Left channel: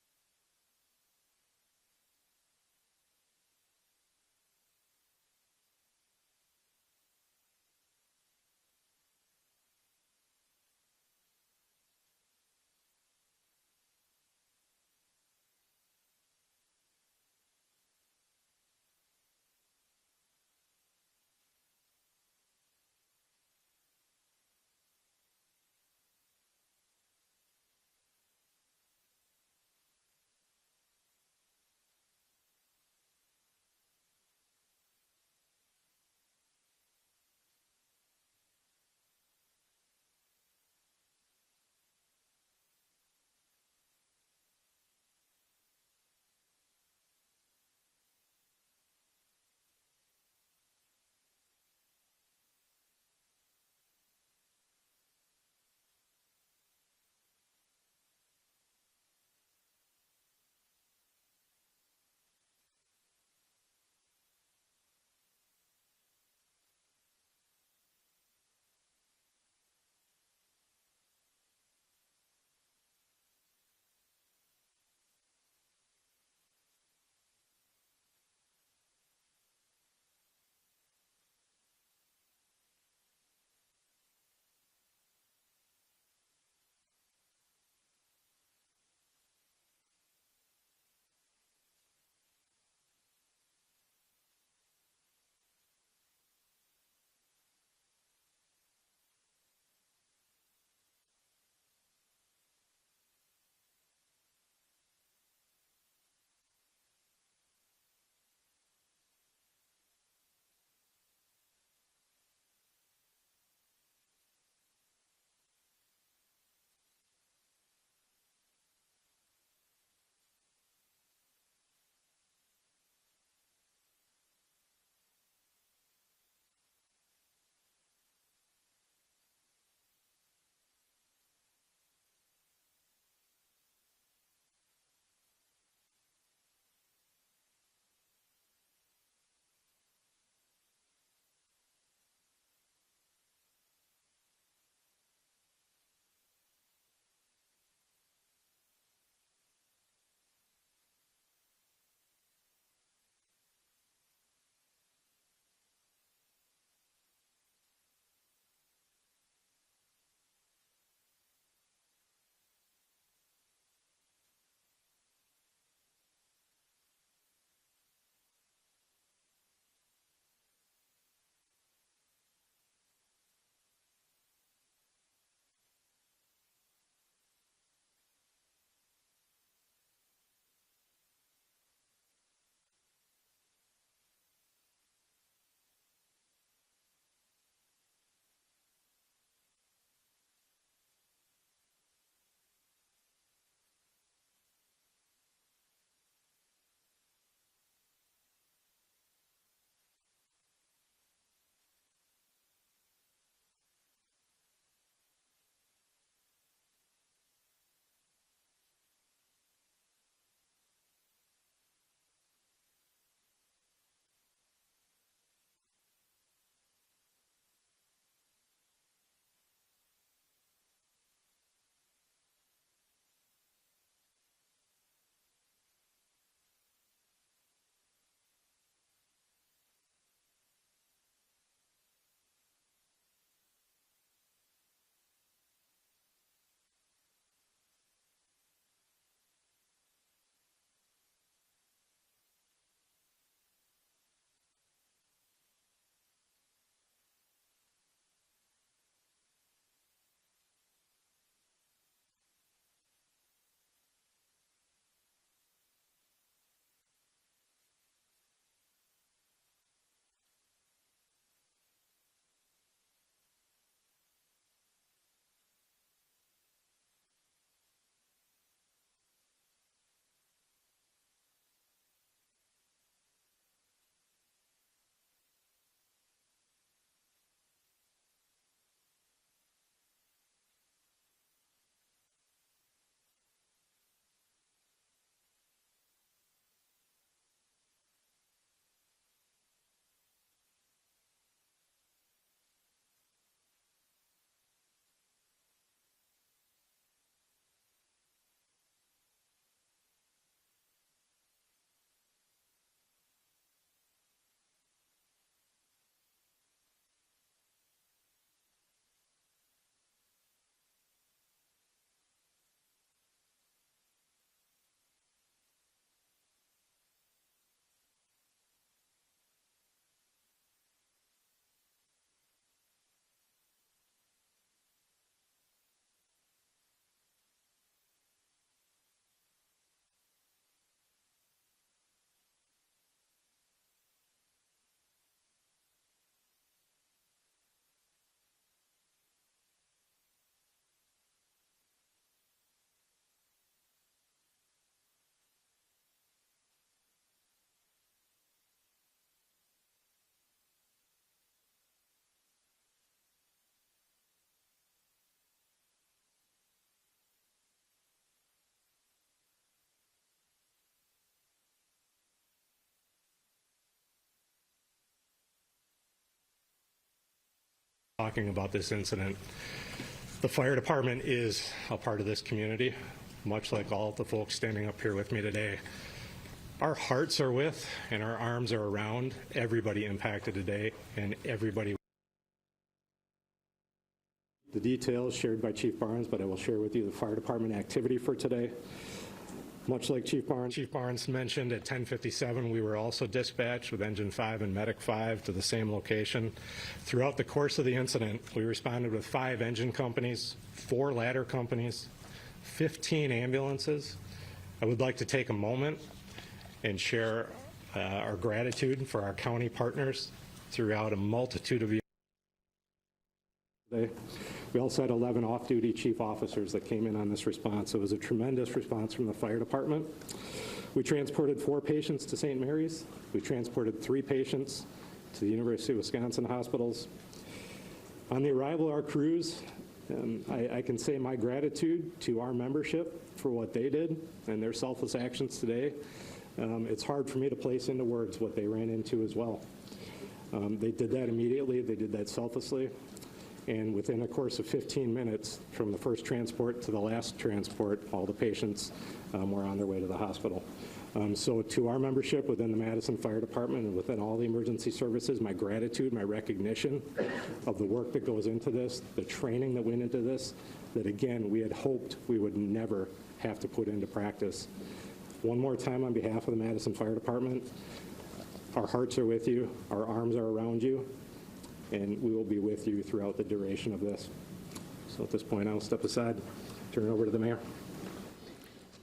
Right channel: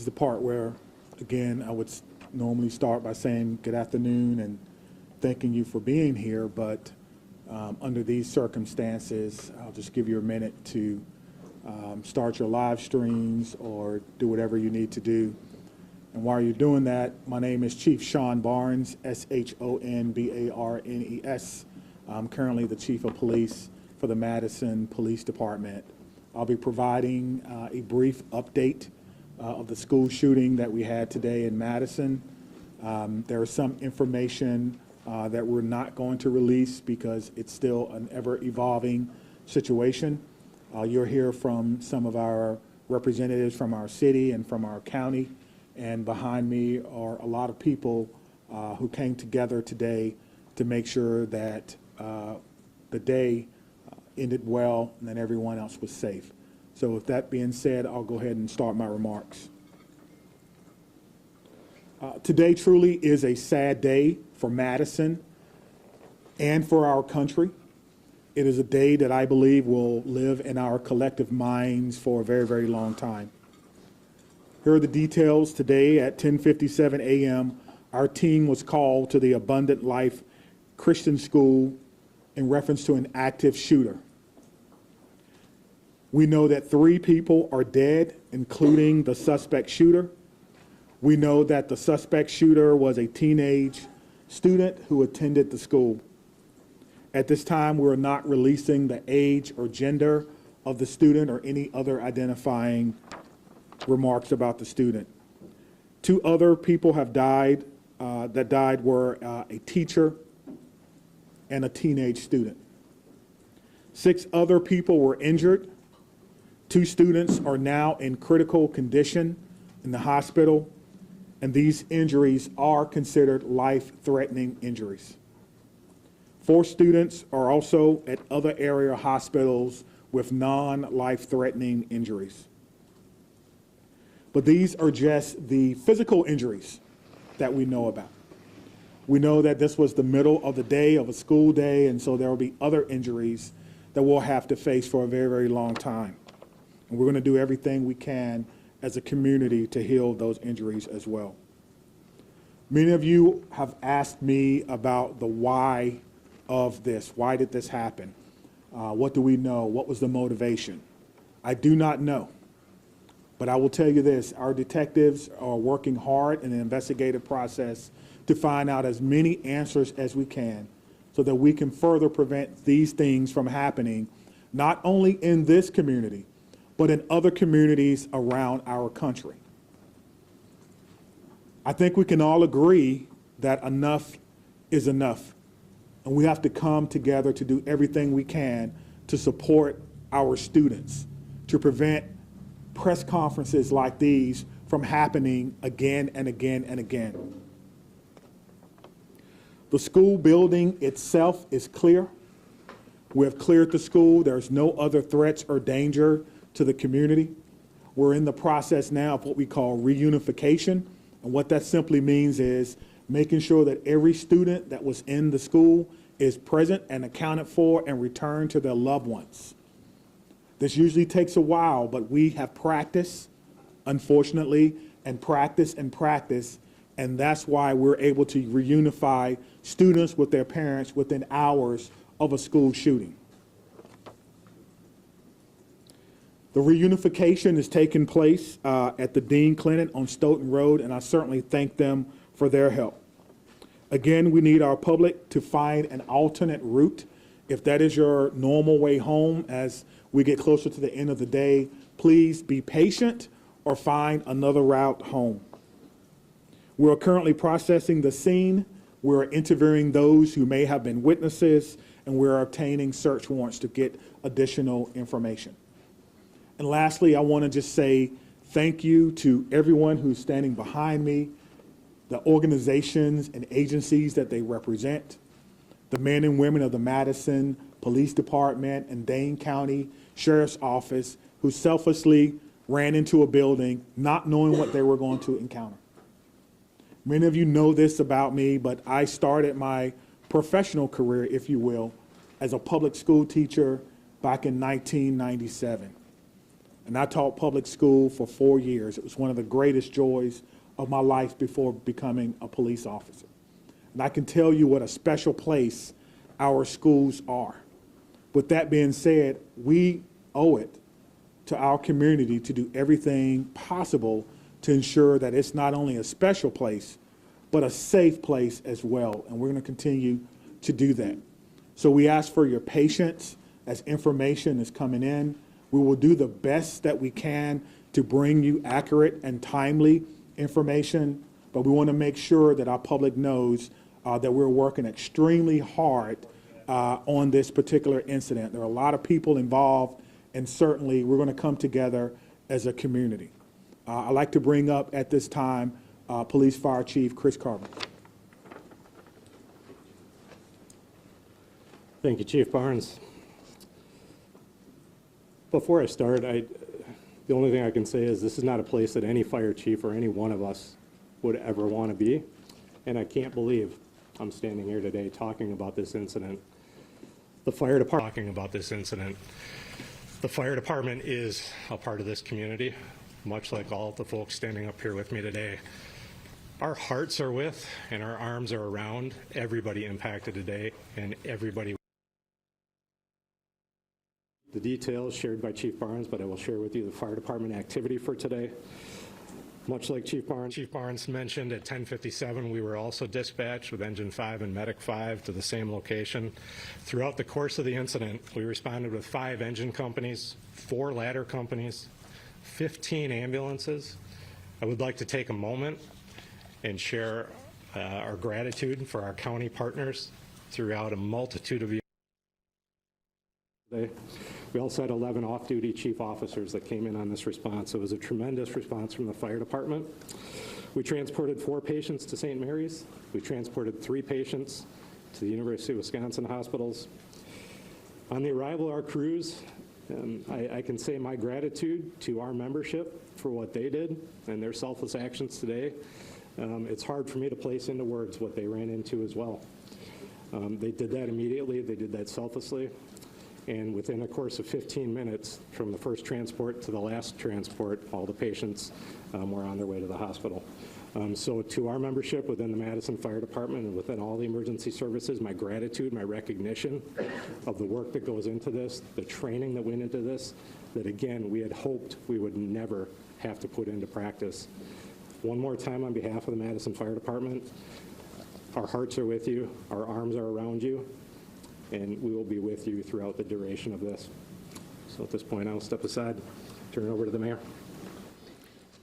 is the part where, again, I would normally start by saying good afternoon and thanking you for being here, but under these circumstances, I'll just give you a minute to start your live streams or do whatever you need to do. And while you're doing that, my name is Chief Sean Barnes, S-H-O-N-B-A-R-N-E-S. I'm currently the Chief of Police for the Madison Police Department. I'll be providing a brief update of the school shooting that we had today in Madison. There is some information that we're not going to release because it's still an ever-evolving situation. You'll hear from some of our representatives from our city and from our county. And behind me are a lot of people who came together today to make sure that the day ended well and that everyone else was safe. So with that being said, I'll go ahead and start my remarks. Today truly is a sad day for Madison and for our country. It is a day that I believe will live in our collective minds for a very, very long time. Here are the details. Today at 10:57 a.m., our team was called to the Abundant Life Christian School in reference to an active shooter. We know that 3 people are dead, including the suspect shooter. We know that the suspect shooter was a teenage student who attended the school. At this time, we're not releasing the age or gender of the student or any other identifying remarks about the student. 2 other people have died. That died were a teacher and a teenage student. 6 other people were injured. 2 students are now in critical condition in the hospital, and these injuries are considered life-threatening injuries. 4 students are also at other area hospitals with non-life-threatening injuries. But these are just the physical injuries that we know about. We know that this was the middle of the day, of a school day, and so there will be other injuries that we'll have to face for a very, very long time. And we're going to do everything we can as a community to heal those injuries as well. Many of you have asked me about the why of this. Why did this happen? What do we know? What was the motivation? I do not know. But I will tell you this, our detectives are working hard in the investigative process to find out as many answers as we can so that we can further prevent these things from happening, not only in this community, but in other communities around our country. I think we can all agree that enough is enough, and we have to come together to do everything we can to support our students, to prevent press conferences like these from happening again and again and again. The school building itself is clear. We have cleared the school. There's no other threats or danger to the community. We're in the process now of what we call reunification. And what that simply means is making sure that every student that was in the school is present and accounted for and returned to their loved ones. This usually takes a while, but we have practiced, unfortunately, and practice, and that's why we're able to reunify students with their parents within hours of a school shooting. The reunification is taking place at the Dean Clinic on Stoughton Road, and I certainly thank them for their help. Again, we need our public to find an alternate route. If that is your normal way home as we get closer to the end of the day, please be patient or find another route home. We're currently processing the scene. We're interviewing those who may have been witnesses, and we're obtaining search warrants to get additional information. And lastly, I want to just say thank you to everyone who's standing behind me, the organizations and agencies that they represent, the men and women of the Madison Police Department and Dane County Sheriff's Office who selflessly ran into a building not knowing what they were going to encounter. Many of you know this about me, but I started my professional career, if you will, as a public school teacher back in 1997. And I taught public school for 4 years. It was one of the greatest joys of my life before becoming a police officer. And I can tell you what a special place our schools are. With that being said, we owe it to our community to do everything possible to ensure that it's not only a special place, but a safe place as well. And we're going to continue to do that. So we ask for your patience as information is coming in. We will do the best that we can to bring you accurate and timely information, but we want to make sure that our public knows that we're working extremely hard on this particular incident. There are a lot of people involved, and certainly we're going to come together as a community. I'd like to bring up at this time Police Fire Chief Chris Carver. Thank you, Chief Barnes. Before I start, the only thing I can say is this is not a place that any fire chief or any one of us would ever want to be, and I can't believe I'm standing here today talking about this incident. The fire department is a part of this community, much like all the folks standing up here with me today. Our hearts are with and our arms are around everybody impacted today and everybody. The details shared by Chief Barnes, but I will share with you the fire department activity for today. Much like Chief Barnes mentioned, at 10:57, we were also dispatched with Engine 5 and Medic 5 to the same location. Throughout the course of the incident, we responded with 5 engine companies, 4 ladder companies, 15 ambulances. I would like to take a moment and share our gratitude for our county partners throughout a multitude of years. We also had 11 off-duty chief officers that came in on this response. It was a tremendous response from the fire department. We transported 4 patients to St. Mary's. We transported 3 patients to the University of Wisconsin hospitals. On the arrival of our crews, I can say my gratitude to our membership for what they did and their selfless actions today. It's hard for me to place into words what they ran into as well. They did that immediately. They did that selflessly. And within a course of 15 minutes, from the first transport to the last transport, all the patients were on their way to the hospital. So to our membership within the Madison Fire Department and within all the emergency services, my gratitude, my recognition of the work that goes into this, the training that went into this, that again, we had hoped we would never have to put into practice. One more time on behalf of the Madison Fire Department, our hearts are with you, our arms are around you, and we will be with you throughout the duration of this. So at this point, I'll step aside, turn it over to the mayor.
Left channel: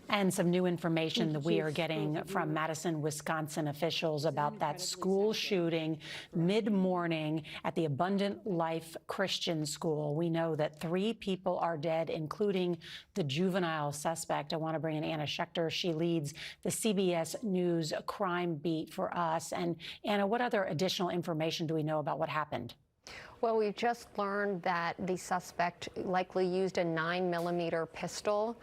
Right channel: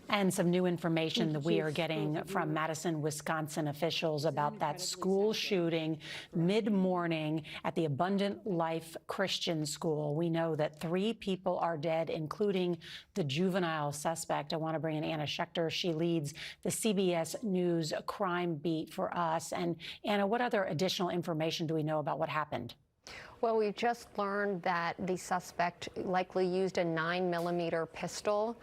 And some new information that we are getting from Madison, Wisconsin officials about that school shooting mid-morning at the Abundant Life Christian School. We know that 3 people are dead, including the juvenile suspect. I want to bring in Anna Schechter. She leads the CBS News crime beat for us. And Anna, what other additional information do we know about what happened? Well, we've just learned that the suspect likely used a 9mm pistol,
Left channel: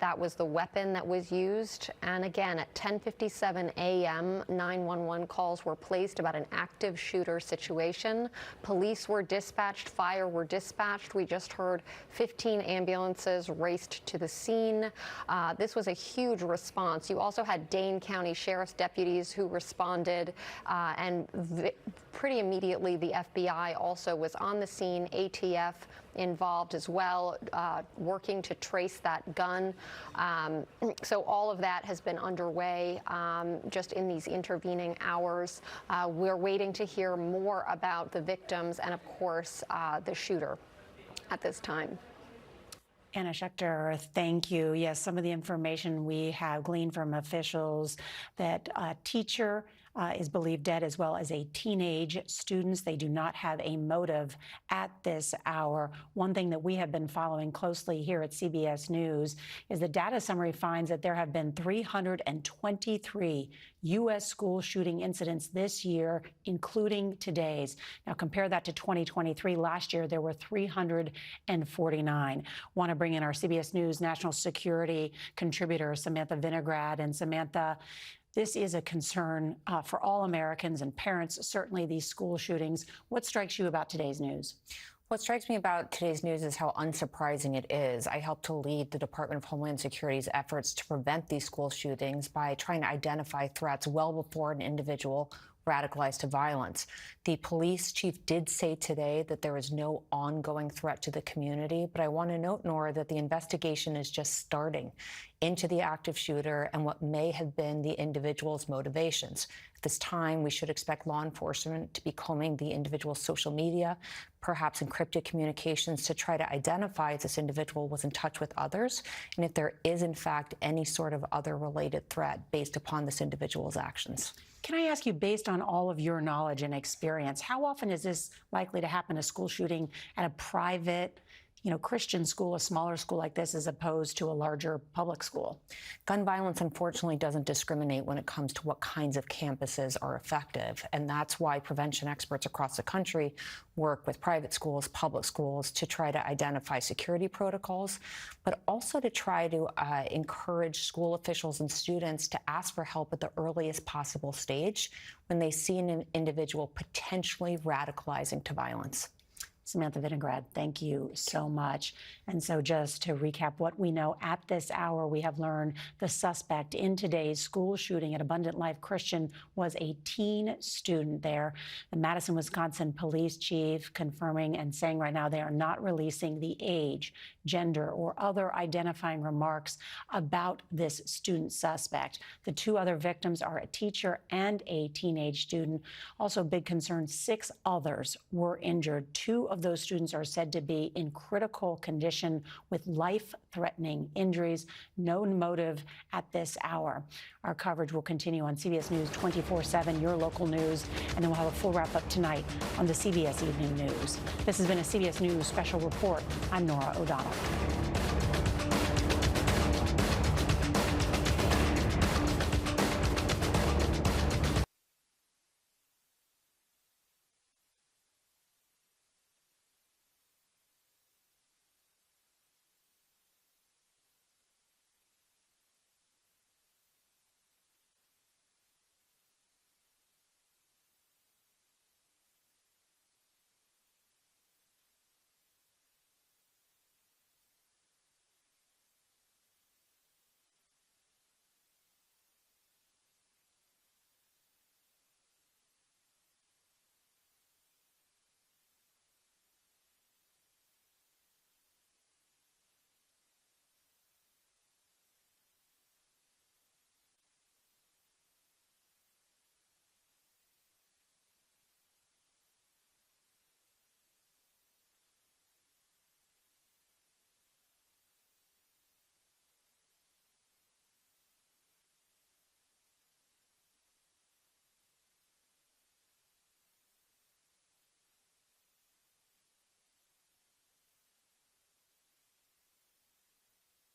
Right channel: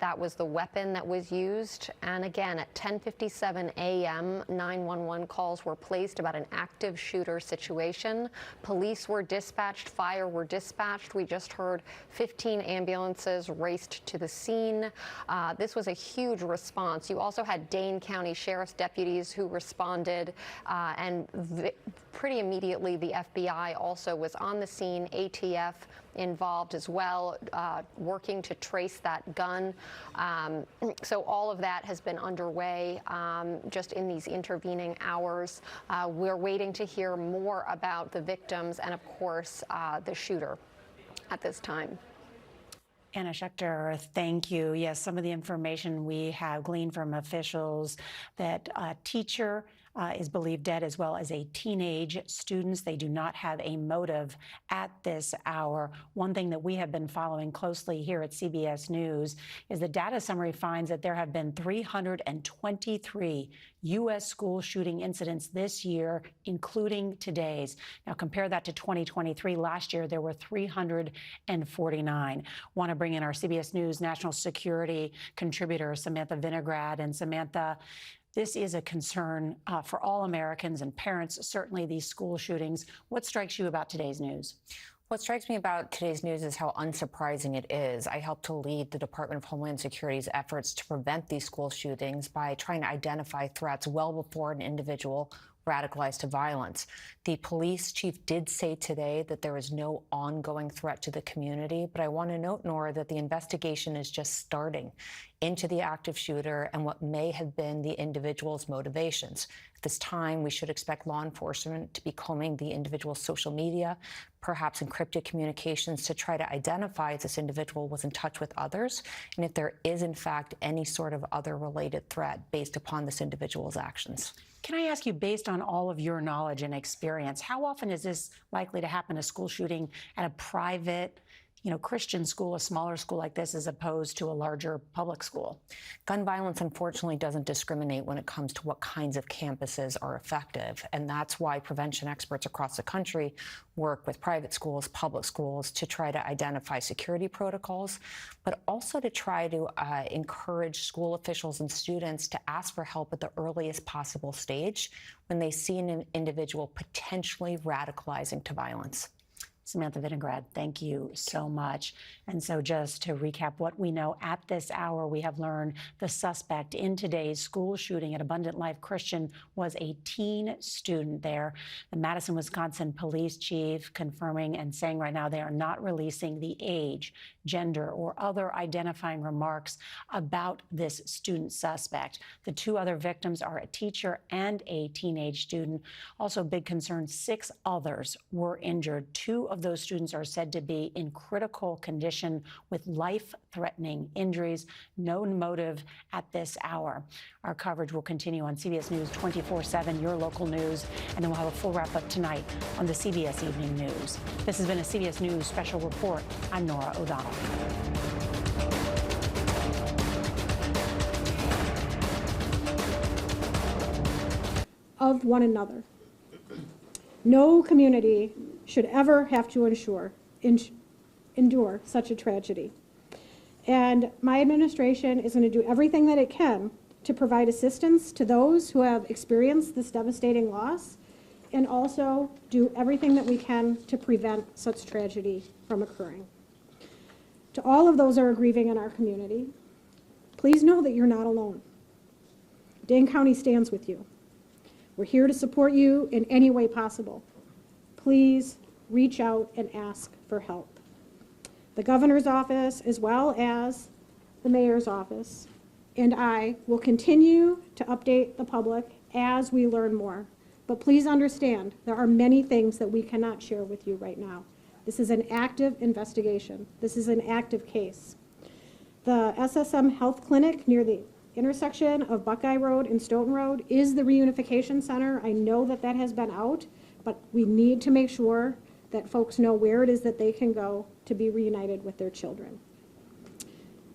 that was the weapon that was used. And again, at 10:57 a.m., 911 calls were placed about an active shooter situation. Police were dispatched, fire were dispatched. We just heard 15 ambulances raced to the scene. This was a huge response. You also had Dane County Sheriff's deputies who responded, and pretty immediately the FBI also was on the scene, ATF involved as well, working to trace that gun. So all of that has been underway just in these intervening hours. We're waiting to hear more about the victims and, of course, the shooter at this time. Anna Schechter, thank you. Yes, some of the information we have gleaned from officials that a teacher is believed dead, as well as a teenage students. They do not have a motive at this hour. One thing that we have been following closely here at CBS News is the data summary finds that there have been 323 U.S. school shooting incidents this year, including today's. Now compare that to 2023. Last year, there were 349. Want to bring in our CBS News national security contributor, Samantha Vinograd. And Samantha, this is a concern for all Americans and parents, certainly these school shootings. What strikes you about today's news? What strikes me about today's news is how unsurprising it is. I helped to lead the Department of Homeland Security's efforts to prevent these school shootings by trying to identify threats well before an individual radicalized to violence. The police chief did say today that there is no ongoing threat to the community, but I want to note, Nora, that the investigation is just starting into the active shooter and what may have been the individual's motivations. At this time, we should expect law enforcement to be combing the individual's social media, perhaps encrypted communications, to try to identify if this individual was in touch with others and if there is, in fact, any sort of other related threat based upon this individual's actions. Can I ask you, based on all of your knowledge and experience, how often is this likely to happen, a school shooting at a private, Christian school, a smaller school like this, as opposed to a larger public school? Gun violence, unfortunately, doesn't discriminate when it comes to what kinds of campuses are effective. And that's why prevention experts across the country work with private schools, public schools, to try to identify security protocols, but also to try to encourage school officials and students to ask for help at the earliest possible stage when they see an individual potentially radicalizing to violence. Samantha Vinograd, thank you so much. And so just to recap what we know at this hour, we have learned the suspect in today's school shooting at Abundant Life Christian was a teen student there. The Madison, Wisconsin police chief confirming and saying right now they are not releasing the age, gender, or other identifying remarks about this student suspect. The two other victims are a teacher and a teenage student. Also, big concern, 6 others were injured. 2 of those students are said to be in critical condition with life-threatening injuries. No motive at this hour. Our coverage will continue on CBS News 24/7, your local news, and then we'll have a full wrap-up tonight on the CBS Evening News. This has been a CBS News special report. I'm Nora O'Donnell. Of one another. No community should ever have to endure such a tragedy. And my administration is going to do everything that it can to provide assistance to those who have experienced this devastating loss, and also do everything that we can to prevent such tragedy from occurring. To all of those who are grieving in our community, please know that you're not alone. Dane County stands with you. We're here to support you in any way possible. Please reach out and ask for help. The governor's office, as well as the mayor's office, and I will continue to update the public as we learn more. But please understand, there are many things that we cannot share with you right now. This is an active investigation. This is an active case. The SSM Health Clinic near the intersection of Buckeye Road and Stoughton Road is the reunification center. I know that that has been out, but we need to make sure that folks know where it is that they can go to be reunited with their children.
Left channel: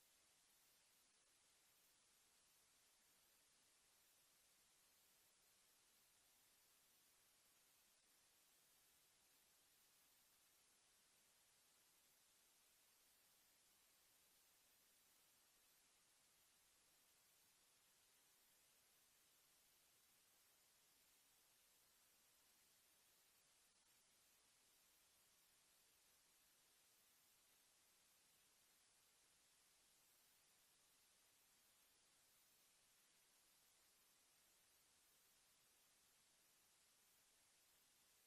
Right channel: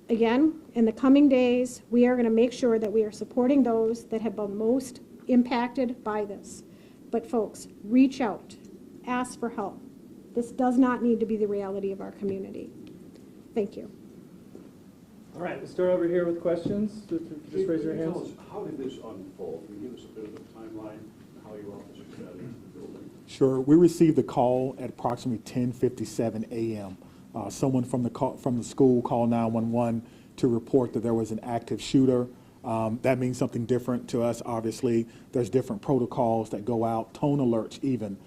Again, in the coming days, we are going to make sure that we are supporting those that have been most impacted by this. But folks, reach out, ask for help. This does not need to be the reality of our community. Thank you. All right, we'll start over here with questions. Just raise your hands. Tell us, how did this unfold? Can you give us a bit of a timeline, how your officers got into the building? Sure. We received the call at approximately 10:57 a.m. Someone from the school called 911 to report that there was an active shooter. That means something different to us, obviously. There's different protocols that go out, tone alerts even,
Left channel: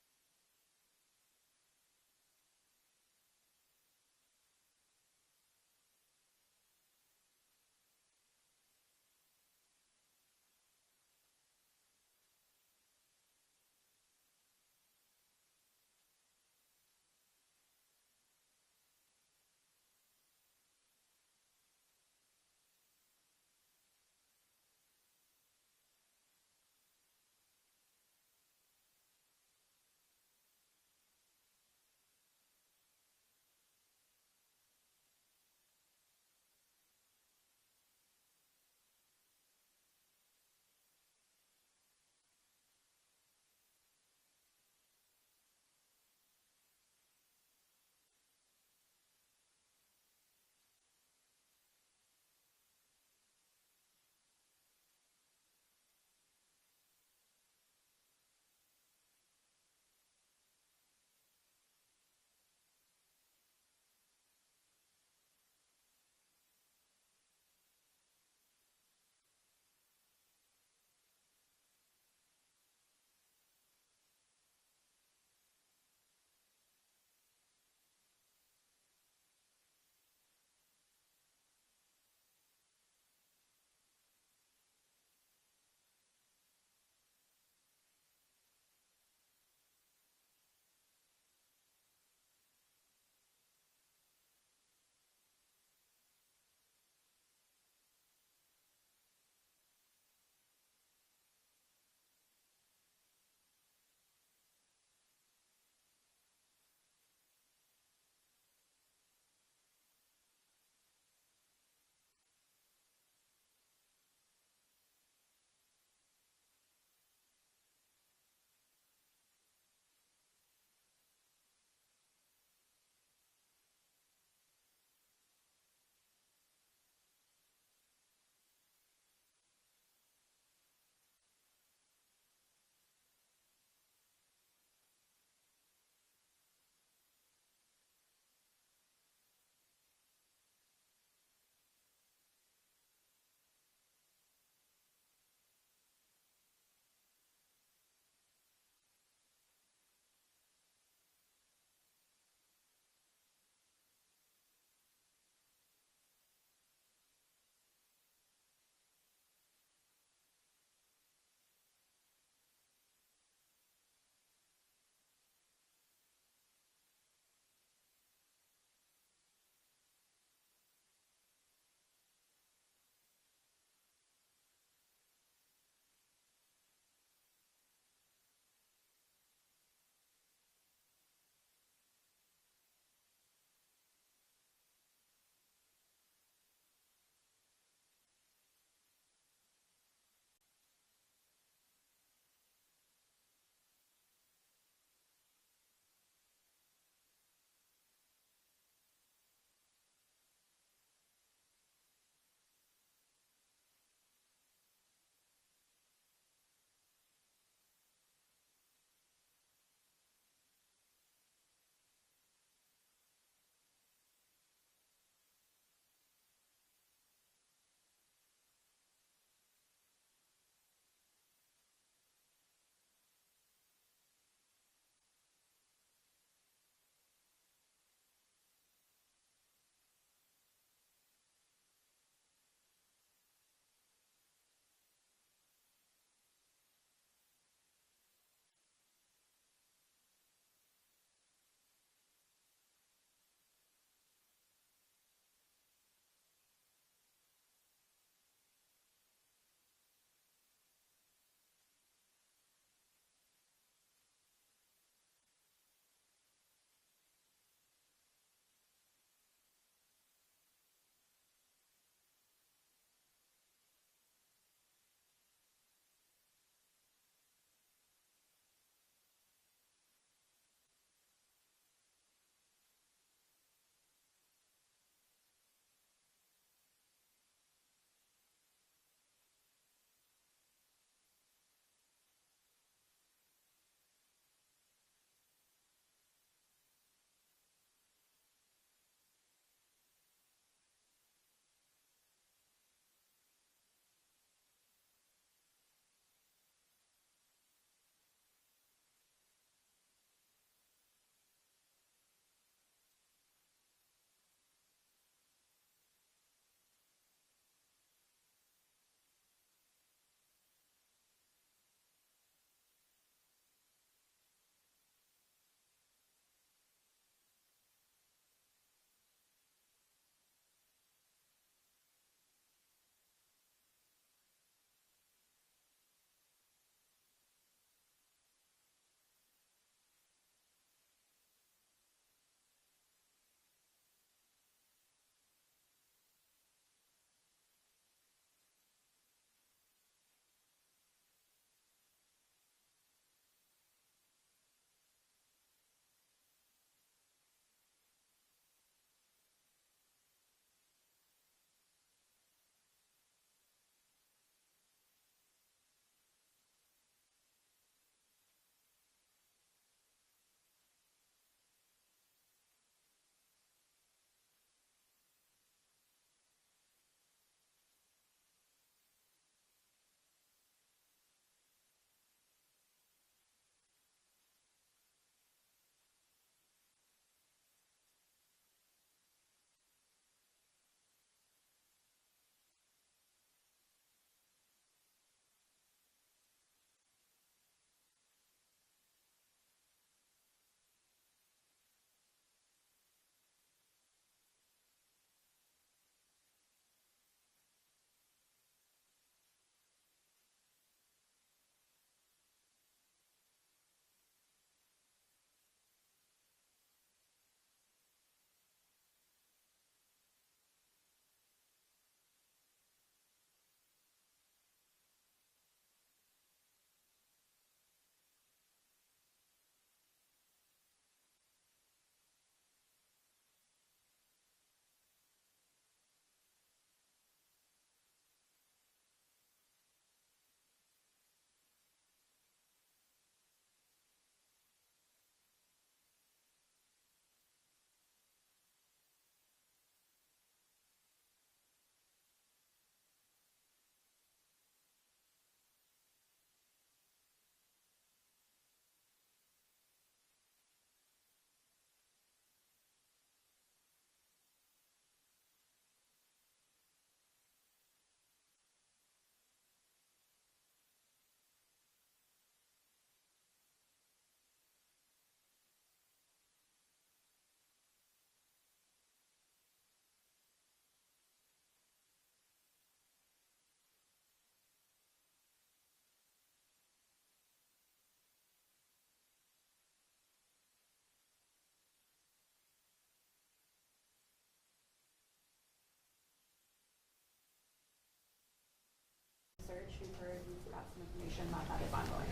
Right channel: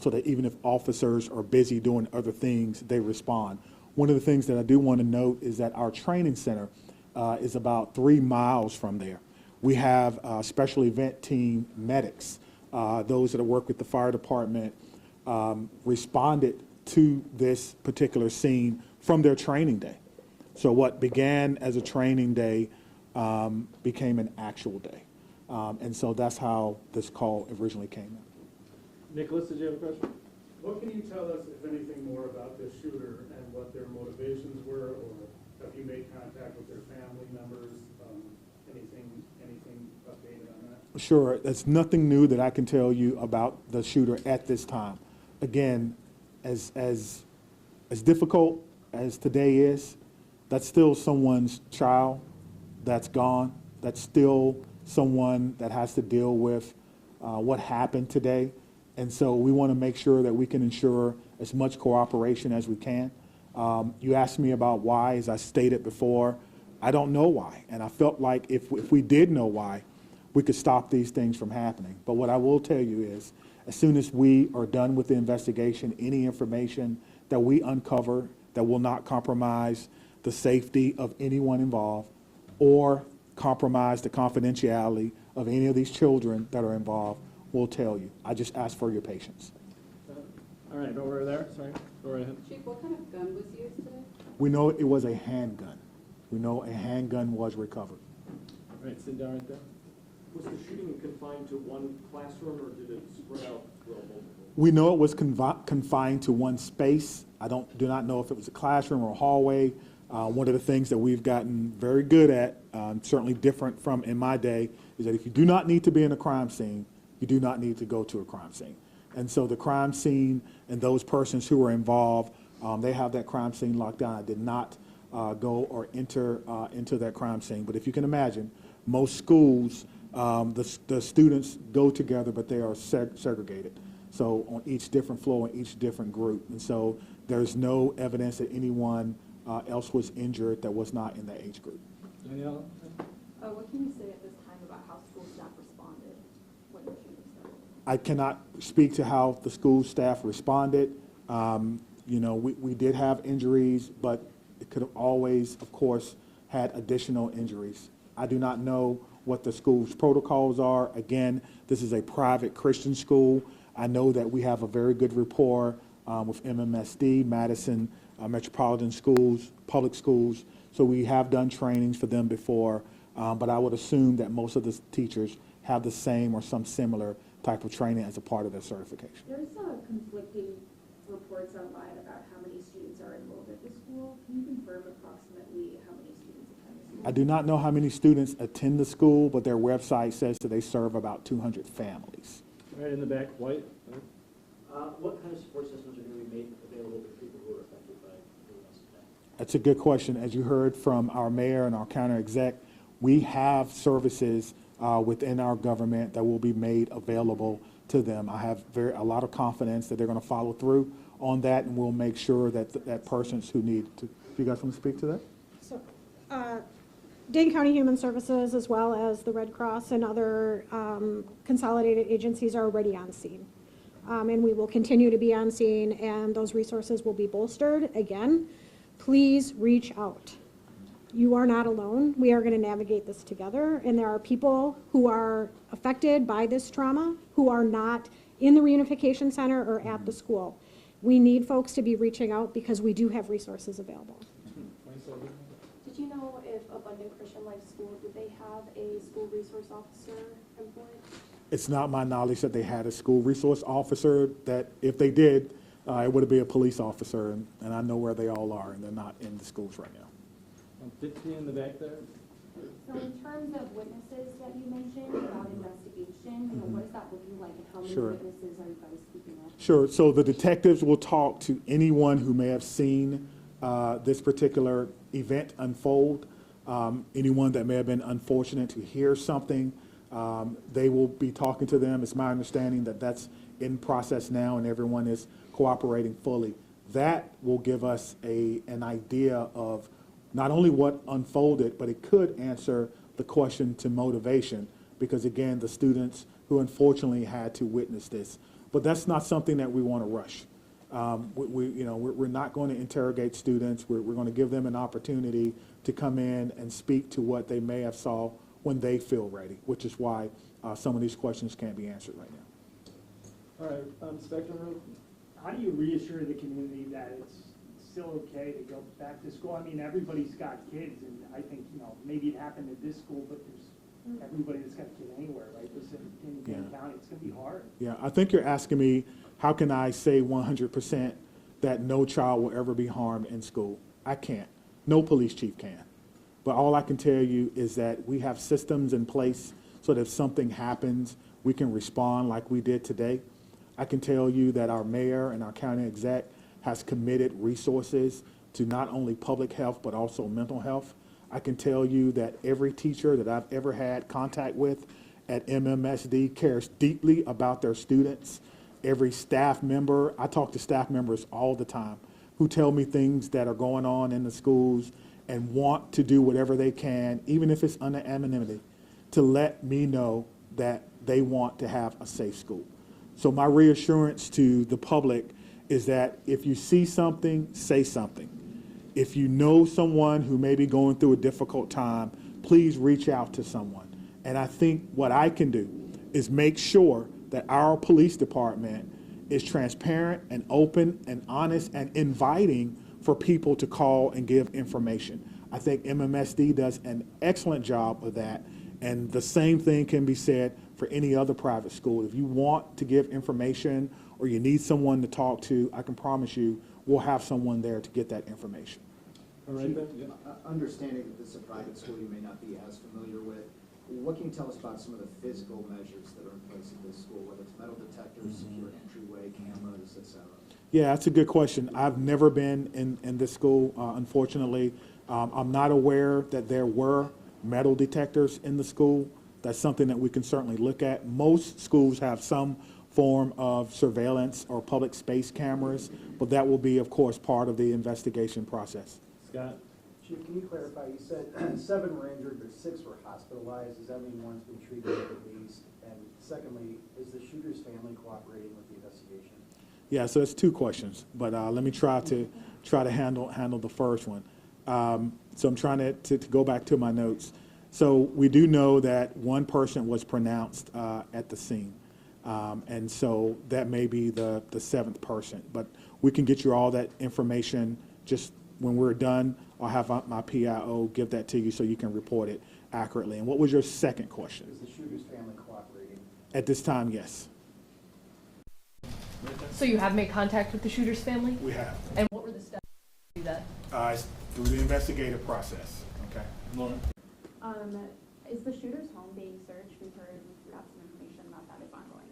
so that even if officers are busy doing other things, they respond. One of the things that I do want to note is that our training center is about 3 miles from there. We have special event team medics, those that work with the fire department, responded to this particular scene from their training day. So what began as a training day became an actual day. And so that's how this call originally came in. Nicholas, did you have a question? What can you tell us, if anything, more about this shooter and what their motivations were, or have you made contact with their family members? Anything updated on that? Sure. There's nothing new that I can tell you about the shooter at this time. Again, as difficult as today is, that's still someone's child that's gone. That's still someone that has to deal with what happened today. And so we want to make sure that we can ensure as much cooperation as we can. You asked me about why, as I stated before. I don't know why, and I felt like if we did know why, we could stop these things from happening. But what I will tell you is, as soon as we are done with the investigation, any information that we uncover that will not compromise the safety of anyone involved or compromise the confidentiality of any of these children that are involved, we'll tell you. I just ask for your patience. All right, over there, sorry, go right ahead. Chief, what kind of gun was used today? We know it was a handgun. We know a handgun was recovered. All right, sit down right there. Was the shooting confined to one classroom, or did it spread out throughout multiple? We know it was confined to one space. I do not know if it was a classroom or a hallway. One of the things that we've gotten very good at, certainly different from in my day, is that if you do not need to be in a crime scene, you do not need to go to a crime scene. And so the crime scene and those persons who were involved, they have that crime scene locked down. I did not go or enter into that crime scene. But if you can imagine, most schools, the students go together, but they are segregated. So on each different floor, in each different group. And so there's no evidence that anyone else was injured that was not in the age group. Danielle? What can you say at this time about how school staff responded when the shooting started? I cannot speak to how the school staff responded. You know, we did have injuries, but it could have always, of course, had additional injuries. I do not know what the school's protocols are. Again, this is a private Christian school. I know that we have a very good rapport with MMSD, Madison Metropolitan Schools, public schools. So we have done trainings for them before, but I would assume that most of the teachers have the same or some similar type of training as a part of their certification. There's conflicting reports online about how many students are enrolled at the school. Can you confirm approximately how many students attend the school? I do not know how many students attend the school, but their website says that they serve about 200 families. Right in the back, White. What kind of support systems are going to be made available to people who are affected by the events today? That's a good question. As you heard from our mayor and our county exec, we have services within our government that will be made available to them. I have a lot of confidence that they're going to follow through on that, and we'll make sure that that persons who need to. Do you guys want to speak to that? So, Dane County Human Services, as well as the Red Cross and other consolidated agencies, are already on scene. And we will continue to be on scene, and those resources will be bolstered. Again, please reach out. You are not alone. We are going to navigate this together, and there are people who are affected by this trauma who are not in the reunification center or at the school. We need folks to be reaching out because we do have resources available. Did you know if Abundant Christian Life School, did they have a school resource officer employed? It's not my knowledge that they had a school resource officer. That if they did, it would be a police officer, and I know where they all are, and they're not in the schools right now. Dixie in the back there. So in terms of witnesses that you mentioned about investigation, what is that looking like, and how many Sure. witnesses are you guys speaking of? Sure. So the detectives will talk to anyone who may have seen this particular event unfold, anyone that may have been unfortunate to hear something. They will be talking to them. It's my understanding that that's in process now, and everyone is cooperating fully. That will give us an idea of not only what unfolded, but it could answer the question to motivation, because again, the students who unfortunately had to witness this. But that's not something that we want to rush. We're not going to interrogate students. We're going to give them an opportunity to come in and speak to what they may have saw when they feel ready, which is why some of these questions can't be answered right now. All right, Spectrum. How do you reassure the community that it's still okay to go back to school? I mean, everybody's got kids, and I think, maybe it happened at this school, but there's everybody that's got a kid anywhere, right? This in Dane County, it's gonna be hard. Yeah, I think you're asking me, how can I say 100% that no child will ever be harmed in school? I can't. No police chief can. But all I can tell you is that we have systems in place so that if something happens, we can respond like we did today. I can tell you that our mayor and our county exec has committed resources to not only public health, but also mental health. I can tell you that every teacher that I've ever had contact with at MMSD cares deeply about their students. every staff member. I talk to staff members all the time who tell me things that are going on in the schools and want to do whatever they can, even if it's under anonymity, to let me know that they want to have a safe school. So my reassurance to the public is that if you see something, say something. If you know someone who may be going through a difficult time, please reach out to someone. And I think what I can do is make sure that our police department is transparent and open and honest and inviting for people to call and give information. I think MMSD does an excellent job of that, and the same thing can be said for any other private school. If you want to give information or you need someone to talk to, I can promise you we'll have someone there to get that information. All right, then. Understanding that this is a private school you may not be as familiar with, what can you tell us about some of the physical measures that are in place at this school, whether it's metal detectors, secure entryway, cameras, et cetera? Yeah, that's a good question. I've never been in this school, unfortunately. I'm not aware that there were metal detectors in the school. That's something that we can certainly look at. Most schools have some form of surveillance or public space cameras, but that will be, of course, part of the investigation process. Scott? Chief, can you clarify, you said 7 were injured, but 6 were hospitalized. Does that mean one's been treated at least? And secondly, is the shooter's family cooperating with the investigation? Yeah, so it's 2 questions, but let me try to handle the first one. So I'm trying to go back to my notes. So we do know that 1 person was pronounced at the scene, and so that may be the 7th person. But we can get you all that information. Just when we're done, I'll have my PIO give that to you so you can report it accurately. And what was your second question? Is the shooter's family cooperating? At this time, yes. So you have made contact with the shooter's family? We have. And what were the steps to do that? It's through the investigative process. Okay. Lauren? Is the shooter's home being searched? We've got some information about that is ongoing.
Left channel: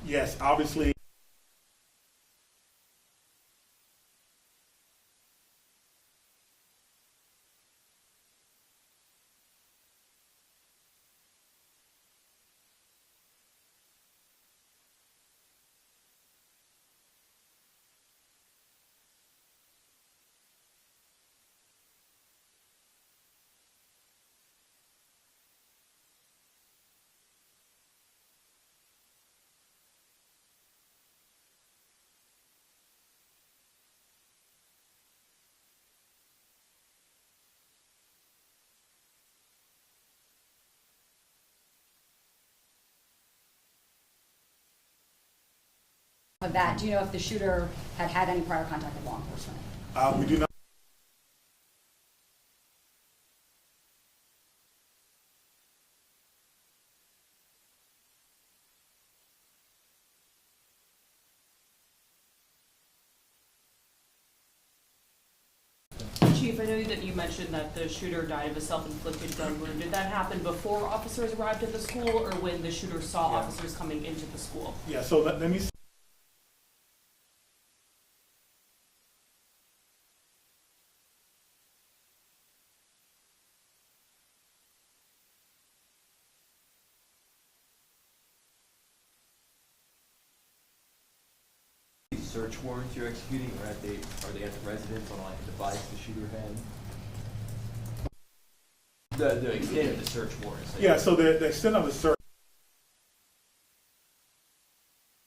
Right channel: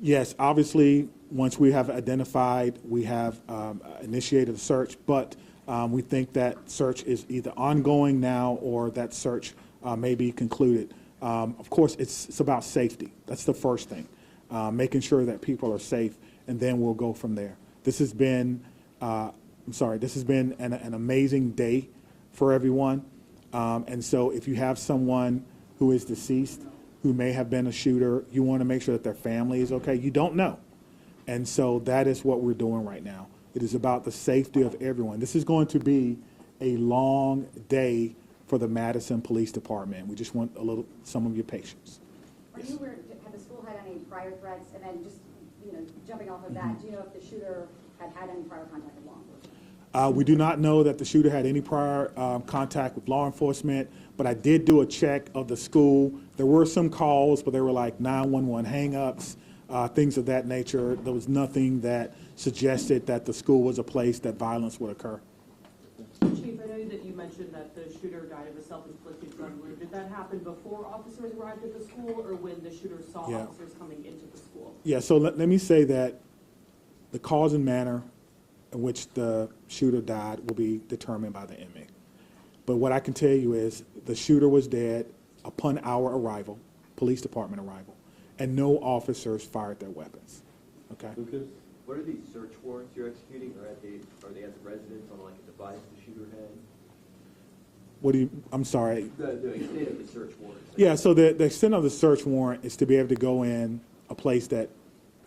Yes, obviously, once we have identified, we have initiated a search, but we think that search is either ongoing now or that search may be concluded. Of course, it's about safety. That's the first thing, making sure that people are safe, and then we'll go from there. This has been, this has been an amazing day for everyone. And so if you have someone who is deceased, who may have been a shooter, you want to make sure that their family is okay. You don't know. And so that is what we're doing right now. It is about the safety of everyone. This is going to be a long day for the Madison Police Department. We just want some of your patience. Have the school had any prior threats? And then just, jumping off of that, do you know if the shooter had any prior contact with law enforcement? We do not know that the shooter had any prior contact with law enforcement, but I did do a check of the school. There were some calls, but they were like 911 hang-ups, things of that nature. There was nothing that suggested that the school was a place that violence would occur. Chief, I know that you mentioned that the shooter died of a self-inflicted gun wound. Did that happen before officers arrived at the school or when the shooter saw officers coming into the school? Yeah, so let me say that the cause and manner in which the shooter died will be determined by the inmate. But what I can tell you is the shooter was dead upon our arrival, police department arrival, and no officers fired their weapons. Okay? Lucas? What are these search warrants you're executing? Are they at the residence on like a device the shooter had? What do you, I'm sorry. The extent of the search warrants. Yeah, so the extent of the search warrant is to be able to go in a place that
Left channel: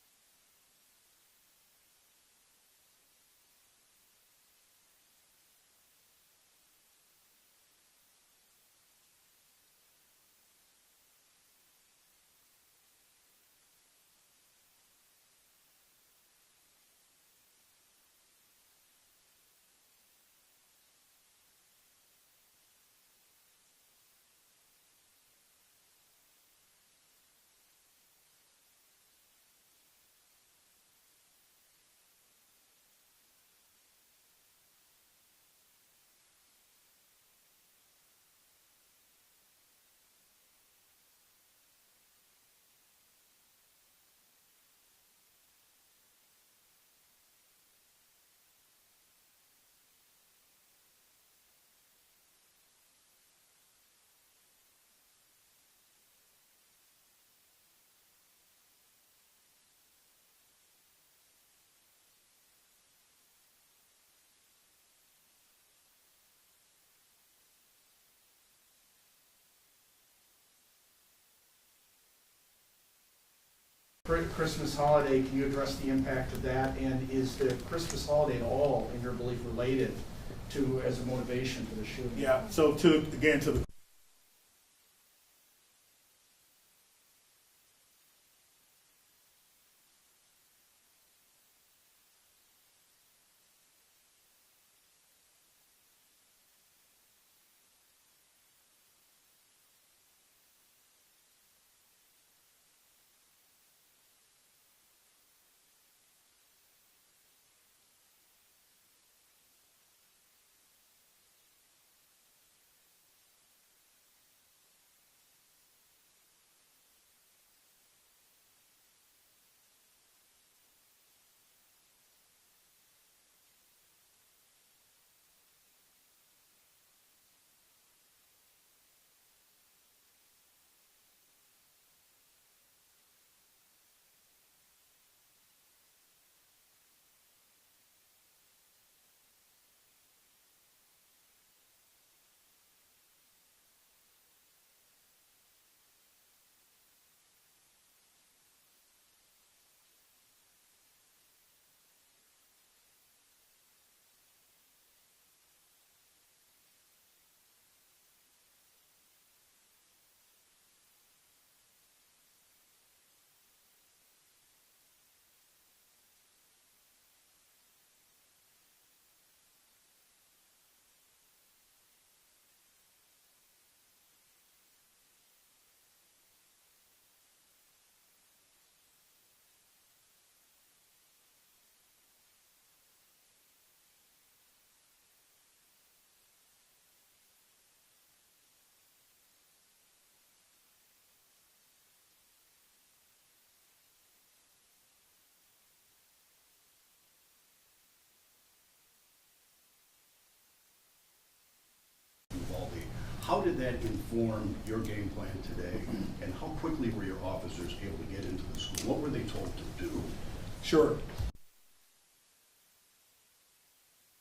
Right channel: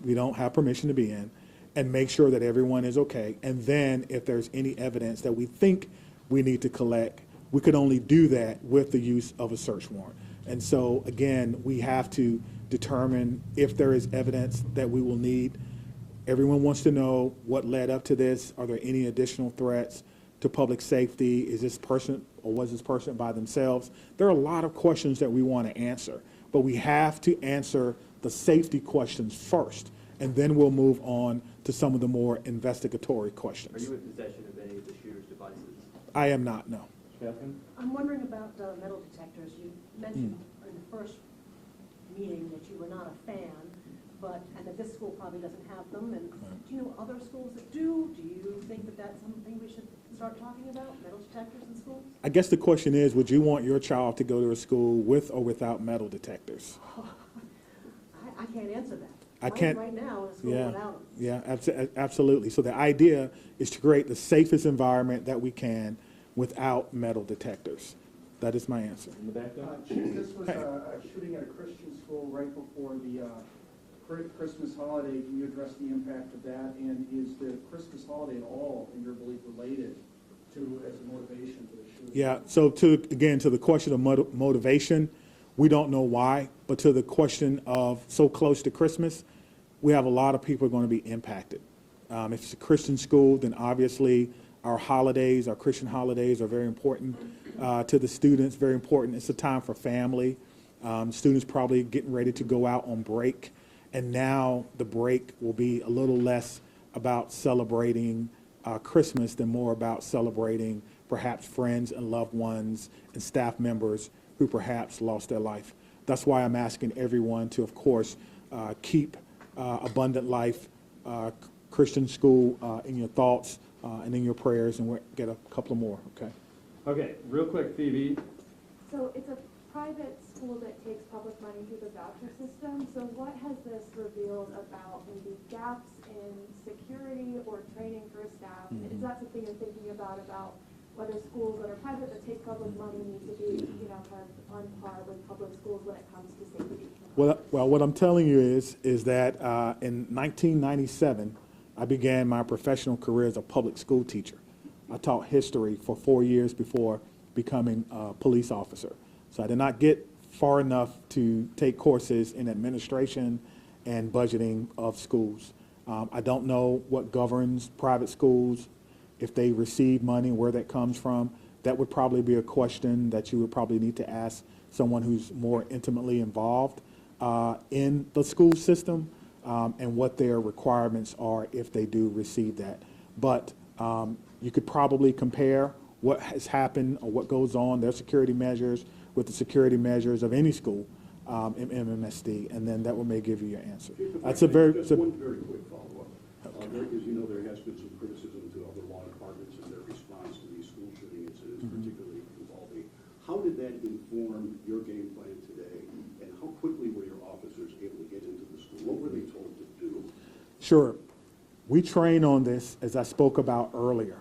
we don't have permission to be in and make sure that everyone is okay. And then if there's any evidence that we think we need to collect, we could only do that with the use of a search warrant. And so again, we have to determine if there is evidence that we will need. Everyone wants to know what led up to this. Are there any additional threats to public safety? Is this person or was this person by themselves? There are a lot of questions that we want to answer, but we have to answer the safety questions first, and then we'll move on to some of the more investigatory questions. Are you in possession of any of the shooter's devices? I am not, no. Catherine? I'm wondering about metal detectors. You mentioned in the first meeting that you were not a fan, and that this school probably doesn't have them. And do you know other schools that do? Do you think that that's something we should start talking about, metal detectors in schools? I guess the question is, would you want your child to go to a school with or without metal detectors? I can't answer that. I can't. Right now, in a school Yeah, without them. yeah, absolutely. So the idea is to create the safest environment that we can without metal detectors. That is my answer. In the back there? Chief, this was a shooting at a Christian school right before the Christmas holiday. Can you address the impact of that? And is the Christmas holiday at all, in your belief, related to as a motivation for the shooting? Yeah, so to the question of motivation, we don't know why, but to the question of so close to Christmas, we have a lot of people going to be impacted. If it's a Christian school, then obviously our holidays, our Christian holidays are very important to the students, very important. It's a time for family. Students probably getting ready to go out on break, and now the break will be a little less about celebrating Christmas than more about celebrating perhaps friends and loved ones and staff members who perhaps lost their life. That's why I'm asking everyone to, of course, keep Abundant Life Christian School in your thoughts and in your prayers, and we'll get a couple more, okay? Okay, real quick, Phoebe. So it's a private school that takes public money through the voucher system. So what has this revealed about maybe gaps in security or training for staff? Is that something you're thinking about whether schools that are private that take public money need to be, kind of on par with public schools when it comes to safety? Well, what I'm telling you is that in 1997, I began my professional career as a public school teacher. I taught history for 4 years before becoming a police officer. So I did not get far enough to take courses in administration and budgeting of schools. I don't know what governs private schools, if they receive money, where that comes from. That would probably be a question that you would probably need to ask someone who's more intimately involved in the school system and what their requirements are if they do receive that. But you could probably compare what has happened or what goes on, their security measures, with the security measures of any school in MMSD, and then that may give you your answer. That's a very... Just one very quick follow-up. As you know, there has been some criticism to other law departments in their response to these school shooting incidents, particularly in Uvalde. How did that inform your game plan today, and how quickly were your officers able to get into the school? What were they told to do? Sure. We train on this, as I spoke about earlier.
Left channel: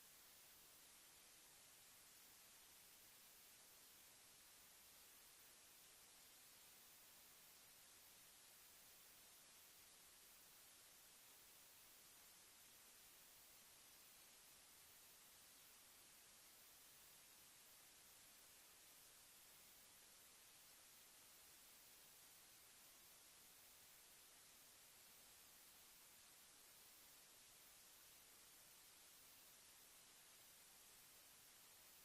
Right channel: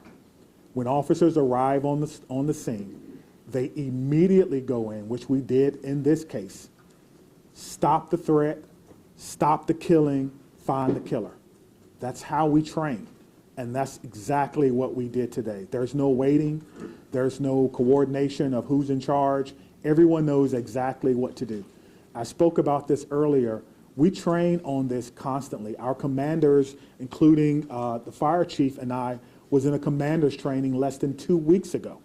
When officers arrive on the scene, they immediately go in, which we did in this case, stop the threat, stop the killing, find the killer. That's how we train, and that's exactly what we did today. There's no waiting. There's no coordination of who's in charge. Everyone knows exactly what to do. I spoke about this earlier. We train on this constantly. Our commanders, including the fire chief and I, was in a commander's training less than 2 weeks ago,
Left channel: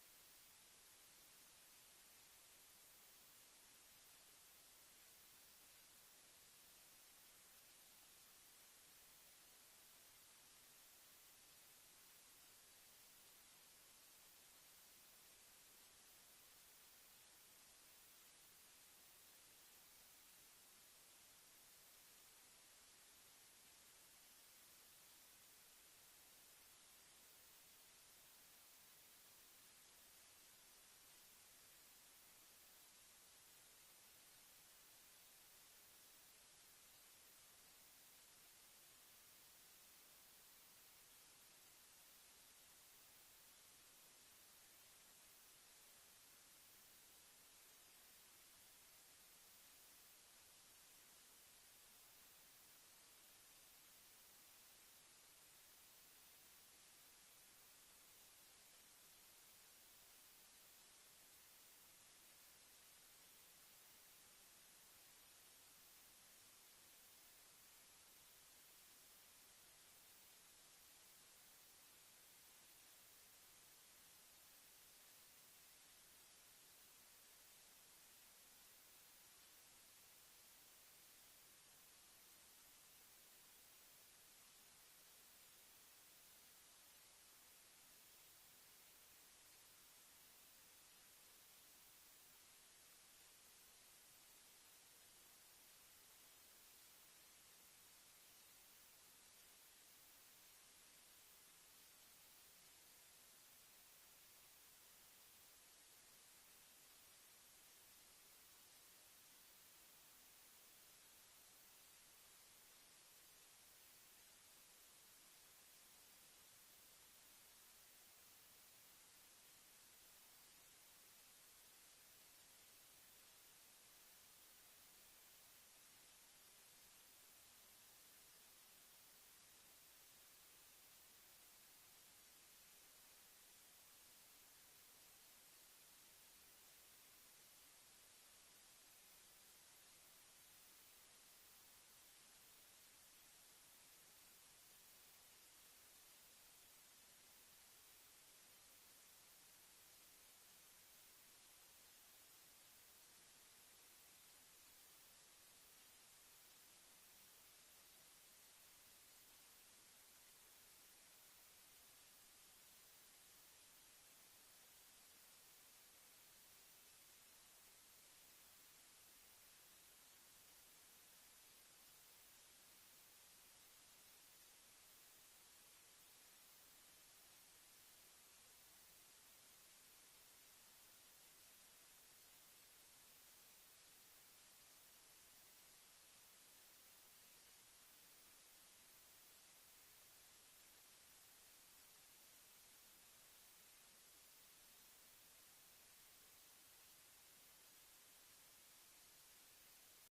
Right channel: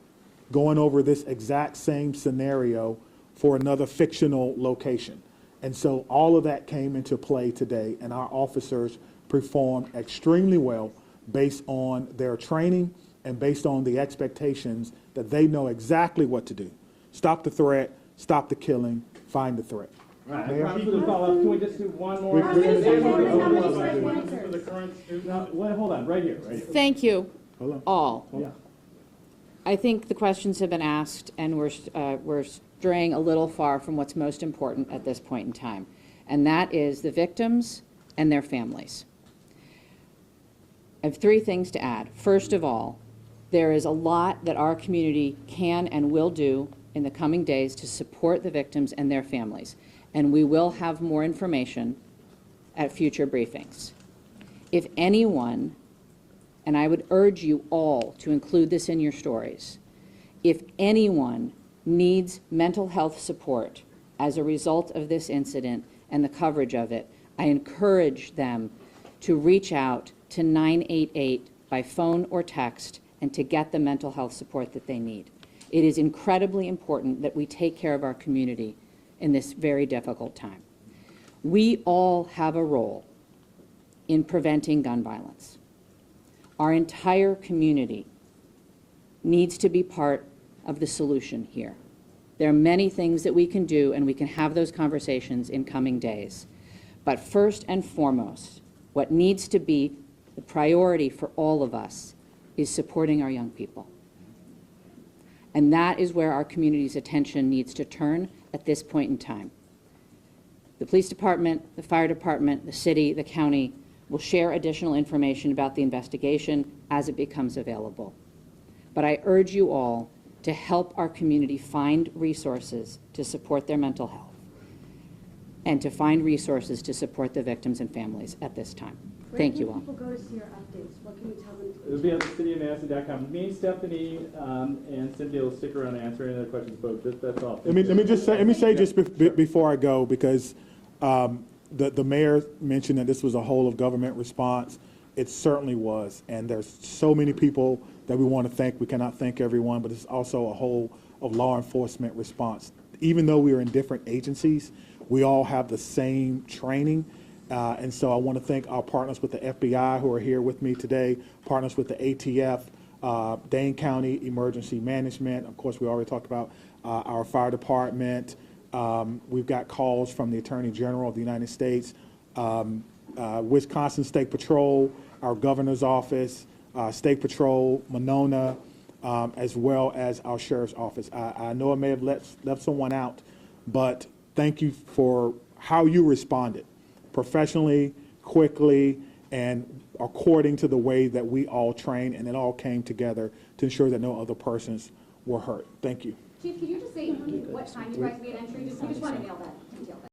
going over this exact same scenario for another fictional location. And so all of that came into play today, and our officers performed extremely well based on their training and based on the expectations that they know exactly what to do. Stop the threat, stop the killing, find the threat. All right, I promise to follow up. Can we just do one more? How many students For the current student. No, wait, hold on, right here. Thank you, all. Yeah. I think the questions have been asked, and we're straying a little far from what's most important at this point in time, and that is the victims and their families. I have 3 things to add. First of all, there is a lot that our community can and will do in the coming days to support the victims and their families, and we will have more information at future briefings. If anyone, and I would urge you all to include this in your stories, if anyone needs mental health support as a result of this incident and the coverage of it, I encourage them to reach out to 988 by phone or text and to get the mental health support that they need. It is incredibly important that we take care of our community in this very difficult time. We all have a role in preventing gun violence. Our entire community needs to be part of the solution here. There are many things that we can do, and we can have those conversations in coming days. But first and foremost, what needs to be the priority for all of us is supporting our young people. And that is where our community's attention needs to turn at this point in time. The police department, the fire department, the city, the county will share additional information about the investigation as it becomes available. But I urge you all to help our community find resources to support their mental health and to find resources to support the victims and families at this time. Thank you all. Where can people go to see your updates? What can you tell them? It'll be on cityofmadison.com. Me, Stephanie, and Cynthia will stick around and answer any other questions, but that's all. Let me say just before I go, because the mayor mentioned that this was a whole of government response. It certainly was, and there's so many people that we want to thank. We cannot thank everyone, but it's also a whole of law enforcement response. Even though we are in different agencies, we all have the same training. And so I want to thank our partners with the FBI who are here with me today, partners with the ATF, Dane County Emergency Management. Of course, we already talked about our fire department. We've got calls from the Attorney General of the United States, Wisconsin State Patrol, our governor's office, State Patrol, Monona, as well as our sheriff's office. I know I may have left someone out, but thank you for how you responded, professionally, quickly, and according to the way that we all trained, and it all came together to ensure that no other persons were hurt. Thank you. Chief, could you just say what time you guys made entry? We just want to nail that.